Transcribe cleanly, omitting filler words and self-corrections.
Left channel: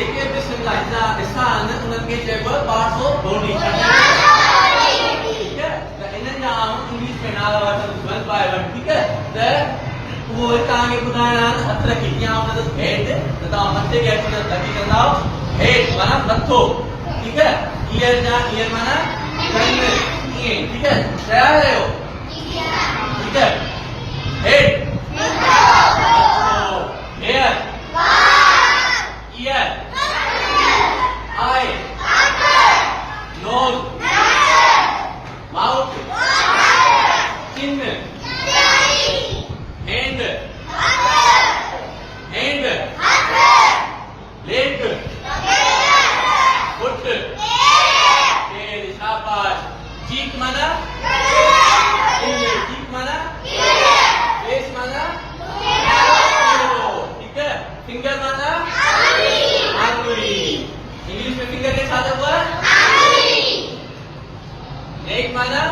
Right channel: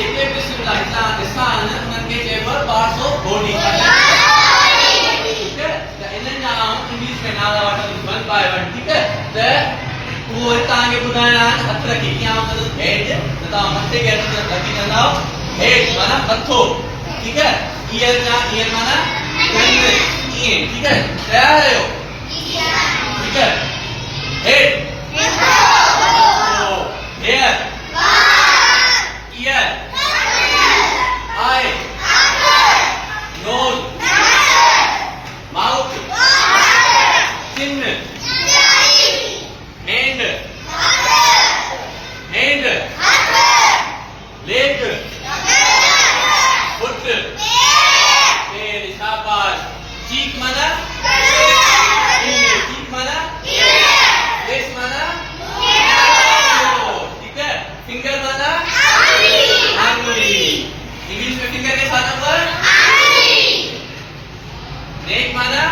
देखिए इसका आनंद मन के चेबर पार्ट्स ऑफ बॉडी ठीक है तो इन्हें जाम इंग्लिश में नाला वाटर वन बाय वन ठीक है तो वो तांगे बुधाना हत्र की क्या मतलब हेड तथा मत्ते के अंदर लगी ना हेड माना मत्थो ठीक है ईयर माना गन ये ठीक है क्या है वो ठीक है head hair ear eye nose mouth chin hand leg foot tail शाबाश cheek माना cheek माना face माना ठीक है finger माना आंगुली इंग्लिश में फिंगर के साथ ऊपर नेक माना